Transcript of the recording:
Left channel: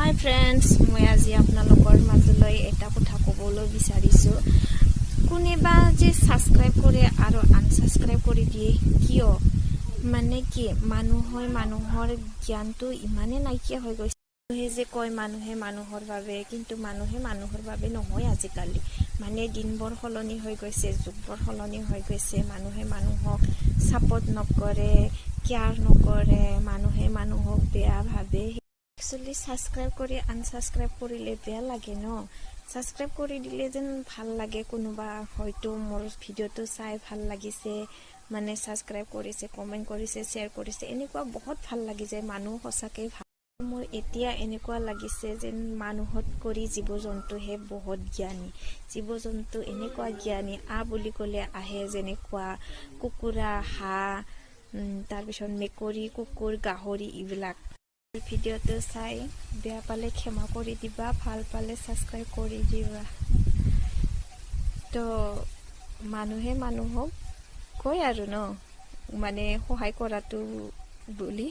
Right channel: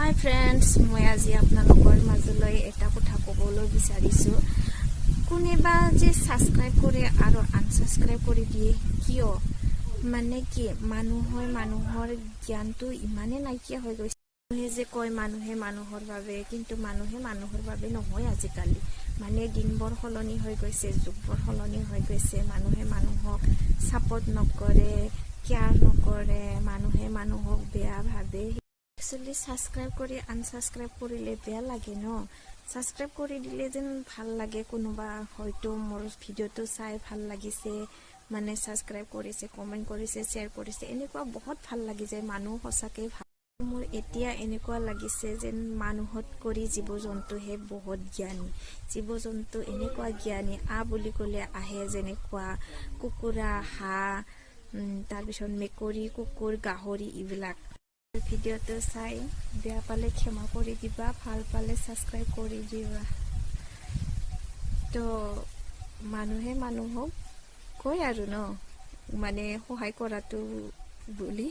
হাই friends, মই আজি আপোনালোকৰ মাজলৈ এটা কথা ক'বলৈ বিচাৰিছোঁ। কোনোবা যে ছাবস্ক্ৰাইব কৰে আৰু আনছাবস্ক্ৰাইব কৰি দিয়ে কিয়? মানে কি মানুহৰ জ্ঞানটো ইমানে নাইকিয়া হৈ গৈছে। মানুহে যে কয় মানুহে মানুহৰ বাবে, কিন্তু মানুহে মানুহৰ বাবে নহয় আজিকালি। মানে দিনবোৰ সলনি হৈ গৈছে, যুগবোৰ সলনি হৈ গৈছে। মানুহে মানুহক ছাপোৰ্ট নকৰে, কেয়াৰ নকৰে, মানুহে মানুহক বেয়া ভাবে। একচুৱেলি ছাবস্ক্ৰাইব কৰি আনছাবস্ক্ৰাইব কৰিলে বেয়া লাগে ন। ছাবস্ক্ৰাইব কৰি দিলে যেন ভাল লাগে, কোনোবা হয়তো মোৰ ভিডিঅ'টো চাই ভাল লাগিছে, মানে ছাবস্ক্ৰাইব কৰিছে, কমেণ্ট কৰিছে, শ্বেয়াৰ কৰিছে, এনেকুৱা বহুত ভাল লাগি যায়। মানুহ সঁচাকৈ ভাল। মোৰ এতিয়া এনেকুৱা লাগিছে যেন মানুহত কৰি জীৱ জন্তুহে বহুত জ্ঞানী। জীৱ জন্তু এনেকুৱা জ্ঞানী, বুলি ক'লে আহে, যেনেকুৱা কুকুৰা, হাঁহ, তাৰপিছত মেকুৰী, কুকুৰ, গাহৰি, এইবিলাক। ভিডিঅ'টো চাই বেয়া পালে ক্ষমা কৰি দিবা, ভাল পালে ছাবস্ক্ৰাইব কৰি দিবা। তো মানুহে মানুহক কয় আৰু ন, মানে সহায় কৰাটো বুলি।